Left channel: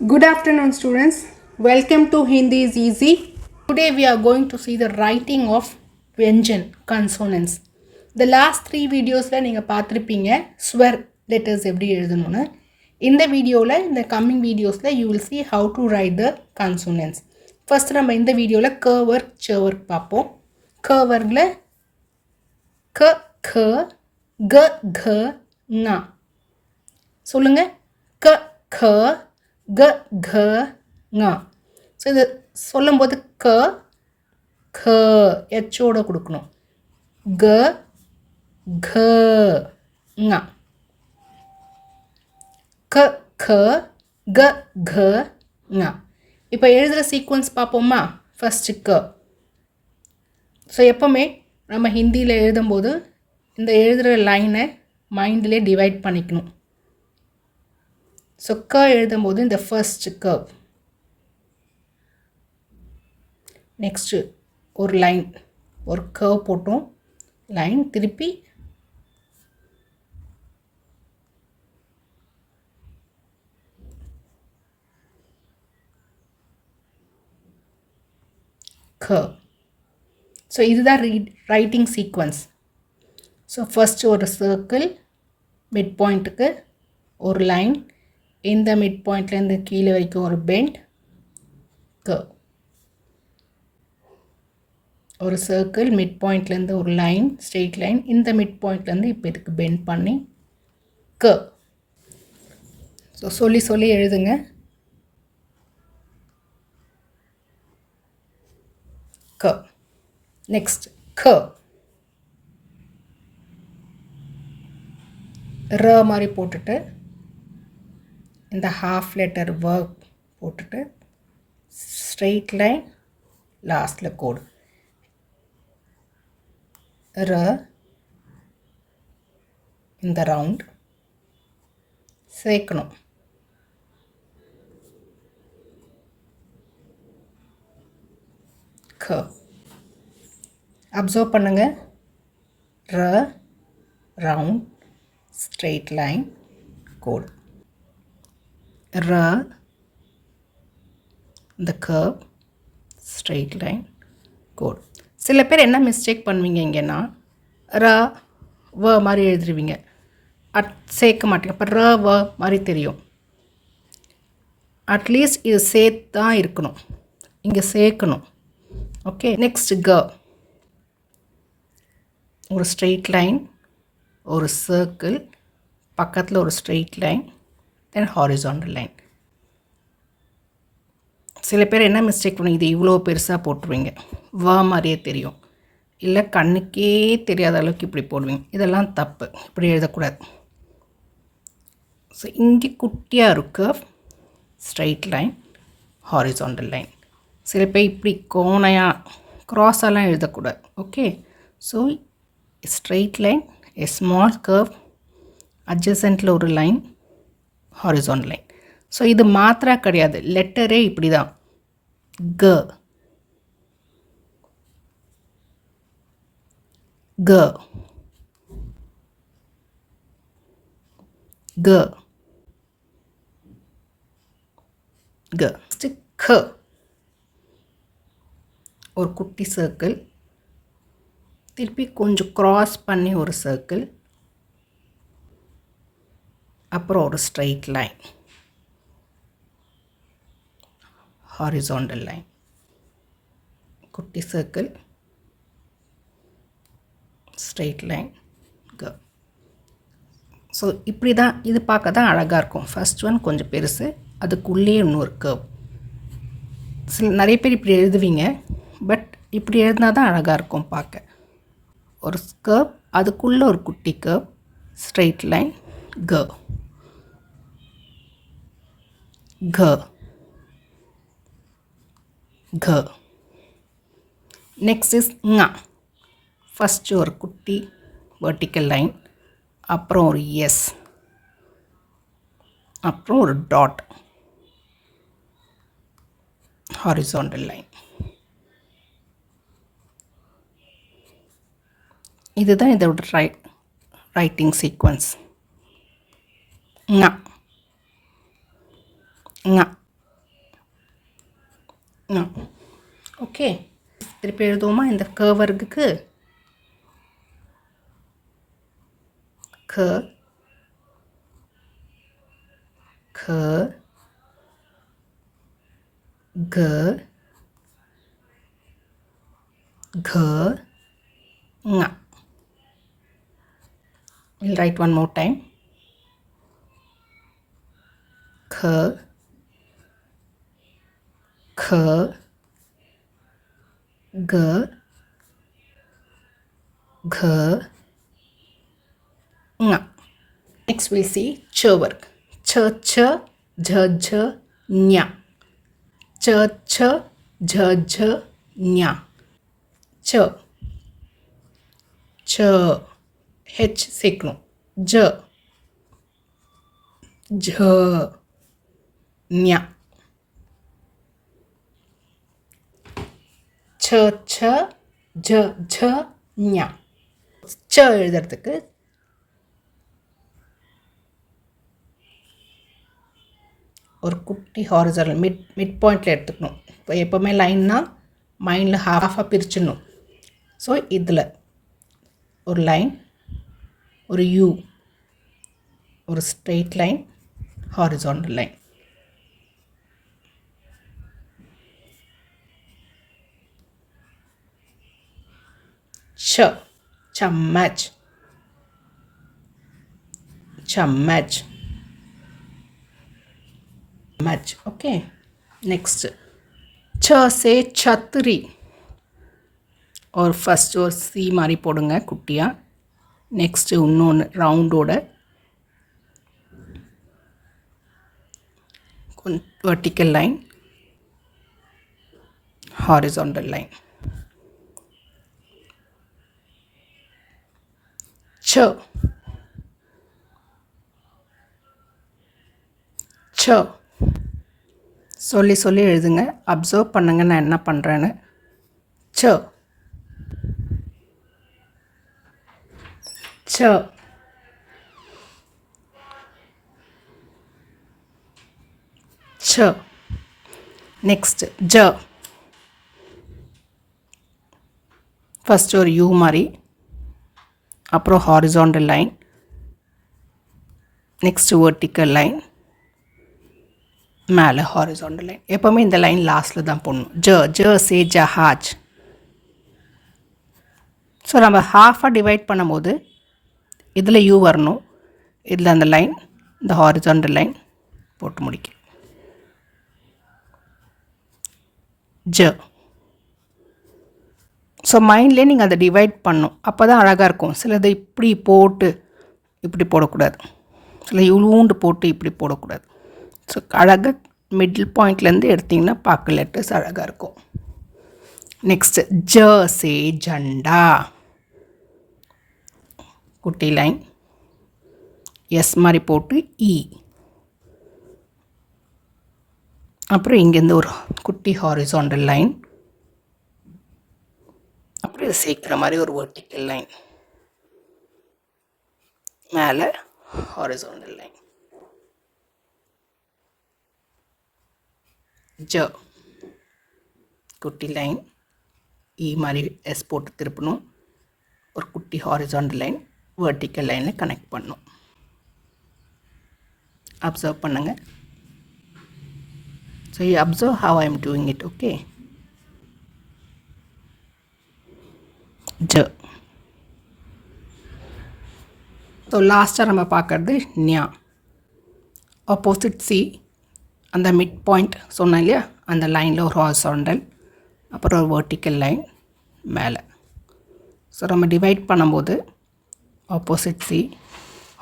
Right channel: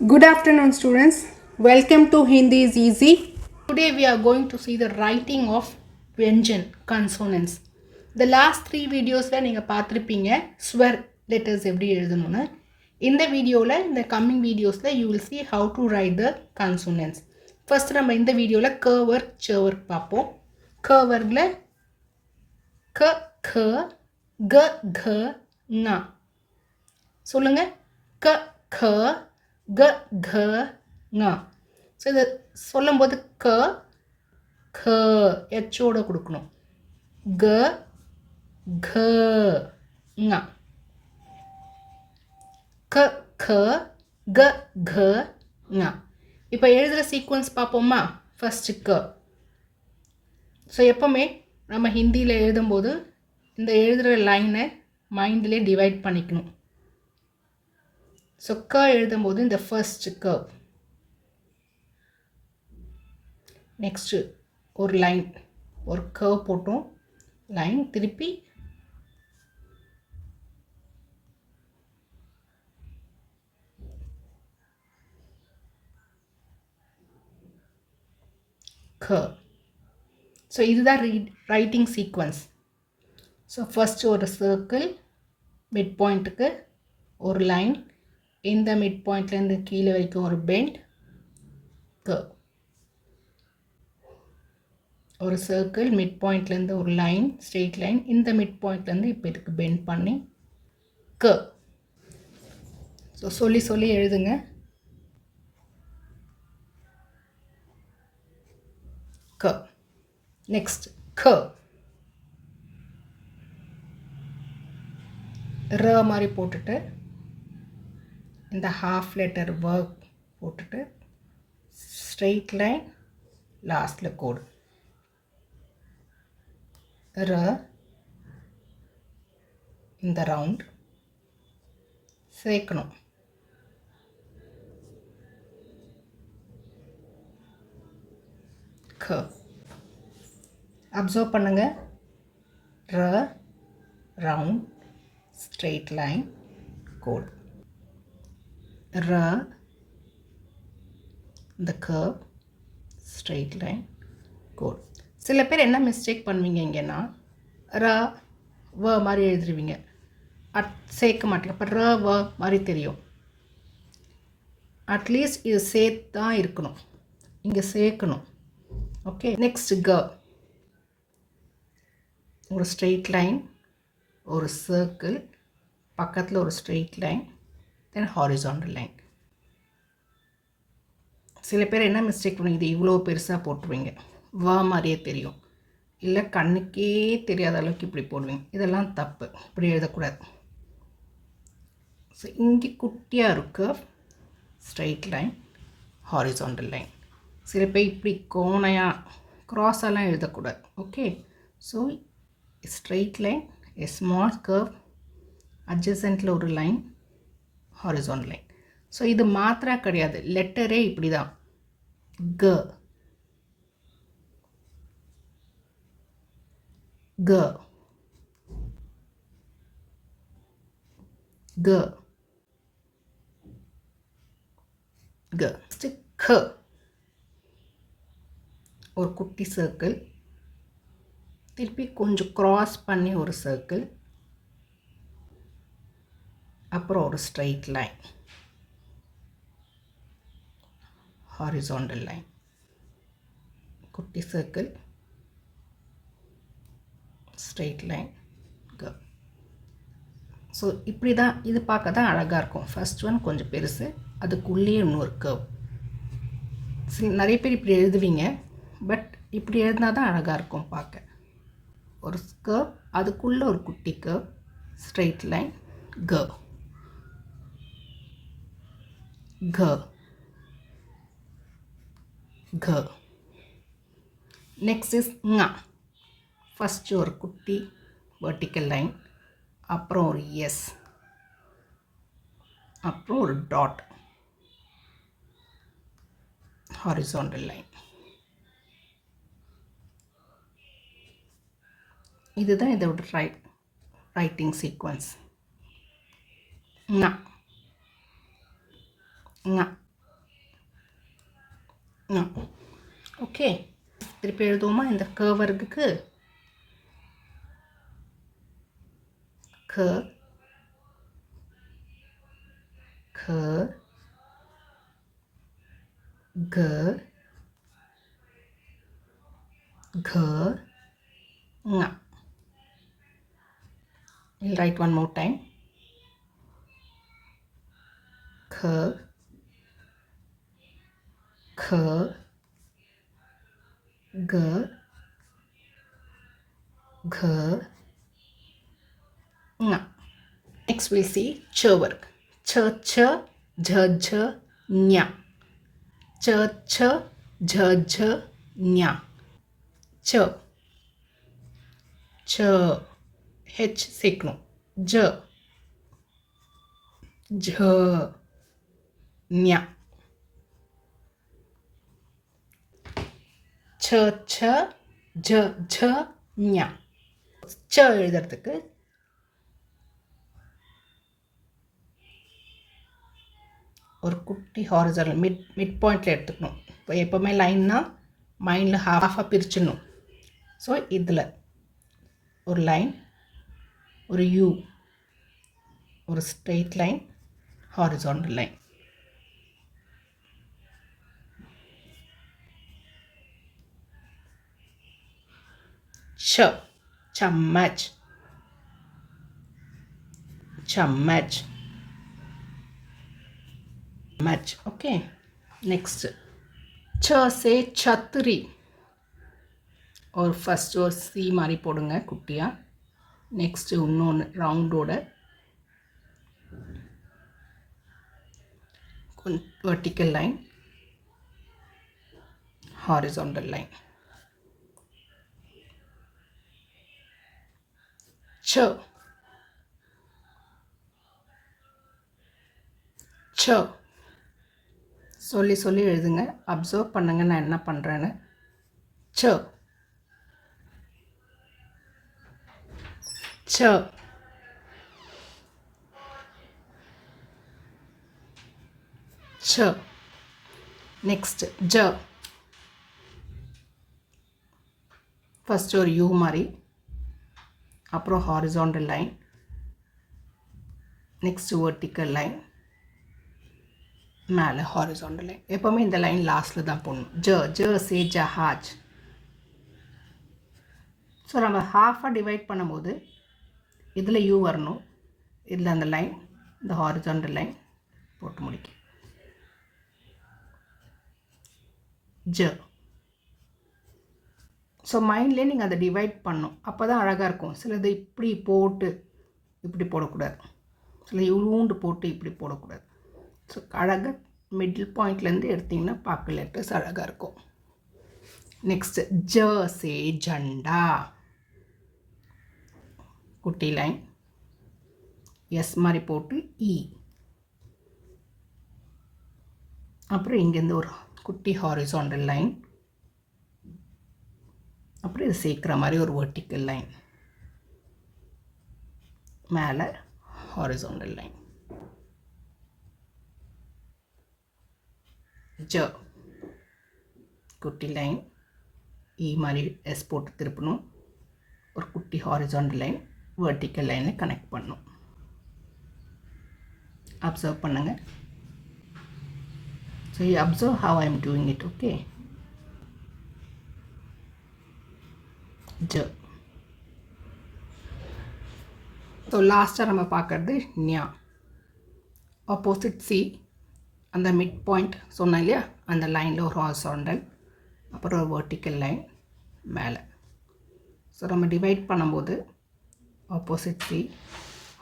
Good afternoon, students. Welcome to Hindi is Easy. Today we are going to see the writing of Vyanjan consonants. The last 3 videosல நீங்கள் பார்த்துருப்பீங்க ஸ்வர் letters எப்படி எழுதணும்னு. இந்த வீடியோவில் இந்த coming வீடியோஸில் you will see how to write the consonants. First நம்ம இந்த வீடியோவில் க ஒர்க் ச ஒர்க் பார்ப்போம். க ஒர்க்கில் க க க க ங சொல்லுங்கள். க க க க ங. ஸோ இது சொல்லும்போது க க எச்சோட கொடுக்கணும். க க ங. க க க க ங. இப்போ எழுதுகிற சீக்வன்ஸ் பார்ப்போமா. ஃபஸ்ட்டு க. ஸோ எப்போவுமே நம்ம ஹிந்தியில் எழுதும்போது இந்த எழுதுகிற லைனை மைண்ட்லேயே டிவைட் பண்ணிக்கணும். ஸோ க எழுதும்போது இந்த ஃபர்ஸ்ட் கர்வ், நெக்ஸ்ட்டு ஒரு லைன், ஒரு கர்வ் போட்டோம், லைன் திருப்பி கர்வ். ஸோ இதுதான் ரைட்டிங் சீக்வன்ஸ். ஸோ ஃபஸ்ட்டு ஒரு சர்க்கிள், மிட் பாயிண்ட்டுக்கு ஒரு லைன், இந்த மிட் பாயிண்ட்லேருந்து கீழே வரைக்கும் ஒரு பெண்ட், கர்வ். ஒரு சர்க்கிள், மிட் பாயிண்ட்லேருந்து ஒரு லைன், ஸ்ட்ரெயிட் லைன், இந்த மிட் பாயிண்ட்லேருந்து இப்போ இதுக்கு பெண்ட் பண்ணி கர்வ். ஸோ சொல்லி சொல்லி எழுதுங்க. கர்வ். Next curve. ர மாதிரி போட்டுட்டு இந்த ஹாஃப் லெட்டர் ஒர்க் போட்டுட்டு ஸ்ட்ரெயிட் லைன், லாஸ்டில் கோடு. ர இந்த ரவுண்ட் சேர்க்கணும். க. அப்சர்வ் பண்ணுங்கள். ர ரவுண்ட், ஸ்ட்ரெயிட் லைன், கோடு. ர இந்த கர்வ், ஸ்ட்ரெயிட் லைன், கோடு. சில பேர் என்ன மிஸ்டேக் பண்ணுவீங்க இங்கேன்னா, ர வ மாதிரி எழுதுருவீங்க, சேர்க்க மாட்டீங்க. இப்போ ர வ மாதிரி தெரியும். அட்லீஸ்ட் இது சேர்த்து தான் இருக்கணும், இங்கே சேர்க்கணும். ஓகே. நெக்ஸ்ட் க. ஒரு ஸ்ட்ரெயிட் லைன், ஒரு சர்க்கிள், பக்கத்தில் ஒரு ஸ்ட்ரெயிட் லைன், தென் ஹாரிசாண்டல் லைன். சில பேர் என்ன மிஸ்டேக் பண்ணுவீங்க, இது இவ்வளோ பெருசாக போட்டுருவீங்க, வ மாதிரியே தெரியும், இல்லை கண்ணுக்கே தெரியாத அளவுக்கு இப்படி போடுவீங்க. இதெல்லாம் தப்பு, இப்படி எழுதக்கூடாது. ஸோ இங்கே குட்டியாக இருக்கு ஸ்ட்ரெயிட் லைன், ஹாரிசாண்டல் லைன். சில பேர் இப்படி கோணையாக க்ராஸெல்லாம் எழுதக்கூடாது. Okay. So straight line, a small curve, அட்ஜசன்ட்டில் ஒரு லைன், ஹாரிசாண்டல் லைன். ஸோ இது மாத்திரா கிடையாது, லெட்டரே இப்படி தான். க க க க. க ஒரு குட்டி சர்க்கிள், திருப்பி கொஞ்சம் க்ராஸ் பண்ணி ஒரு சர்க்கிள், அப்புறம் ஒரு ஸ்ட்ரெயிட் லைன், ஹாரிசாண்டல் லைன், குட்டி சர்க்கிள், ஸ்ட்ரெயிட் லைன், க. ஸோ இப்படி தான் இது பார்க்க தான் அழகாக இருக்கும். ஃபஸ்ட் ஒன் கொஞ்சம் பெருசு, அதுக்குள்ளே இன்னொரு கர்வ். நிறைய பேர் இப்படி எழுதுவீங்க, பட் இப்படி எழுதினா தான் அழகாக இருக்கும் பார்க்க. ஒரு கர்வ், அதுக்குள்ளே ஒரு குட்டி கர்வ், ஸ்ட்ரெயிட் லைன், க க க. Next is ங. ஃபஸ்ட்டு ஒரு குட்டி வெர்டிக்கல் லைன், அப்புறம் ஒரு எஸ், அப்புறம் ஒரு டாட், ஹாரிசாண்டல் லைன். இதுதான் இதோட ரைட்டிங் சீக்வன்ஸ். ங ங ஓகே, திருப்பி எழுதுவோமா இந்த க வர்க்குக்கு? க க க க ங. We'll write one more time. K K G G Ng. Next we'll see ch work. Ch ch jh jh nya. Ch ch jh jh nya. Ch ch h சேர்க்கணும். j j nya. ch ch j j nya. ch எழுதுறதுக்கு ஒரு குட்டி horizontal mid பாயிண்டில் எடுத்துக்கணும். இப்போ எப்போவுமே லைன்னா மைண்டில் ஹாஃபாக பிரிச்சிடணும். So இதில் ஒரு லைன், ஒரு யூ, ஒரு ஸ்ட்ரெயிட் லைன், ஹாரிசான்டல் லைன். च चम्मच चम्मच मच. ओके, नेक्स्ट च से छतरी और फर्स्ट और सी मारी போடுங்க குட்டியா. நெக்ஸ்ட் இன்னொன்று ரவுண்டோட vertical line, horizontal line. च च சொல்லி சொல்லி எழுதுங்க. அப்சர்வ் பண்ணுங்க நான் என்ன பண்ணுறேன்னு. च च च. நெக்ஸ்ட் ஜ. ஃபஸ்ட்டு ஒரு யூ மாதிரி, அப்புறம் horizontal line, next vertical line, மேலே ஹாரிசான்டல் லைன். எப்போவுமே இந்த லைன் லாஸ்ட்டில் தான் போடணும். ஜ ஜ சே ஜஹாஜ். ஸோ நம்ம ஹாஃபாக டிவைட் பண்ணும்போது இதில் யூ வரணும், இதில் அந்த லைன், இந்த ஹாரிசான்டல் லைன் போட்டு முடிக்க. ஜ. ஸோ மைண்ட்லேயே நீங்கள் அதை டிவைட் பண்ணணும், அப்போ தான் அழகாக இருக்கும். சிலது இப்படி போட்டு இப்படி போடக்கூடாது, சில இவ்வளோண்டு போட்டு இப்படி போடக்கூடாது. ஸோ அழகாக மிடில் பாயிண்ட்லேருந்து எடுத்திங்கன்னா பார்க்க லெட்டர்ஸ் அழகாக இருக்கும். நெக்ஸ்ட்டு ஜ சே ஜண்டா, குட்டி லைன், எஸ் மாதிரி போட்டு இ, அப்புறம் இங்கேருந்து ஒரு குட்டி ஹாரிசான்டல் லைன், அப்புறம் இது சேர்க்குற மாதிரி ஒரு வெர்டிக்கல் லைன், மேலே ஹாரிசான்டல் லைன். ஜ குட்டி லைன், இ மாதிரி எஸ் போட்டு திருப்பணும், ஒரு குட்டி ஹாரிசான்டல் லைன் வெர்டிக்கல் லைனில் கனெக்ட் பண்ணணும். அப்சர்வ் பண்ணுங்கள். So you observe how I am doing it. Okay, ஜ. ஸோ லாஸ்ட்டாக நம்ம பார்க்குறது ஞா. ஆப்போசிட் சி, அந்த மிட் பாயிண்ட் சொன்னேன் இல்லையா, அந்த லைனில் ஒரு ஹாரிசான்டல், அப்புறம் ஒரு வெர்டிக்கல் லைன் மேலே. ஸோ நம்ம டிவைட் பண்ணும்போது opposite C,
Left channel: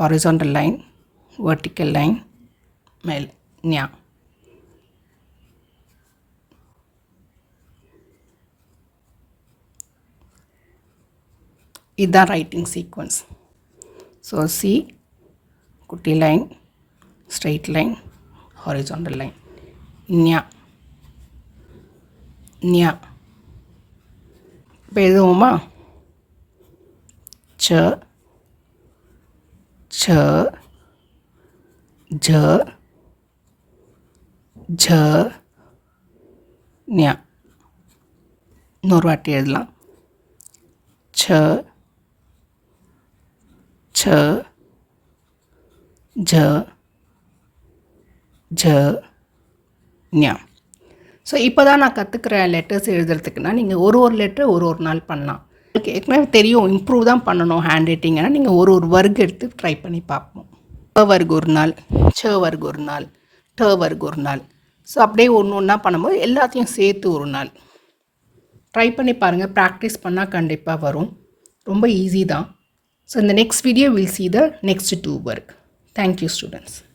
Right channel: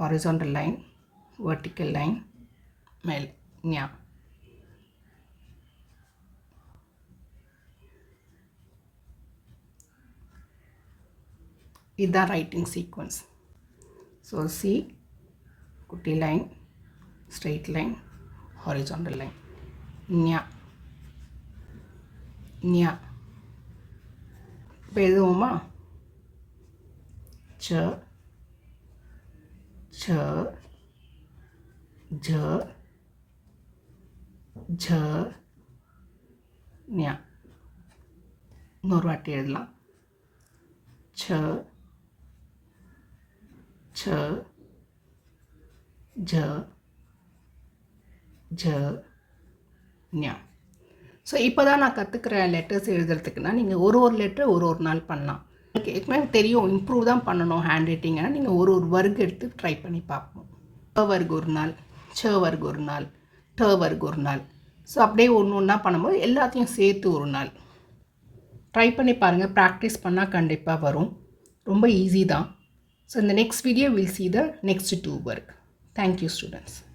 horizontal line, vertical line, மேலே ஞா. இதுதான் ரைட்டிங் சீக்வன்ஸ். ஸோ சி, குட்டி line, straight line, horizontal line, nya nya. இப்போ எழுதுவோமா? ச ச ஜ ஜ ஞா. இன்னொரு வாட்டி எழுதலாம். ச ச ஜ ஜ ஞா. ஸோ இப்போ தான் நான் கற்றுக்கிறேன் லெட்டர்ஸ் எழுதுறதுக்குன்னா நீங்கள் ஒரு லெட்டர் ஒரு நாள் பண்ணலாம். எனக்கு ஏற்கனவே தெரியும் இம்ப்ரூவ் தான் பண்ணணும் ஹேண்ட் ரைட்டிங்கன்னா நீங்கள் ஒரு வர்க் எடுத்து ட்ரை பண்ணி பார்ப்போம். ப வர்க் ஒரு நாள், ச வர்க் ஒரு நாள், ட வர்க் ஒரு நாள். ஸோ அப்படியே ஒன்று ஒன்றா பண்ணும்போது எல்லாத்தையும் சேர்த்து ஒரு நாள் ட்ரை பண்ணி பாருங்கள். ப்ராக்டிஸ் பண்ணால் கண்டிப்பாக வரும். ரொம்ப ஈஸி தான். ஸோ இந்த next video will see the next 2 work. Thank you students.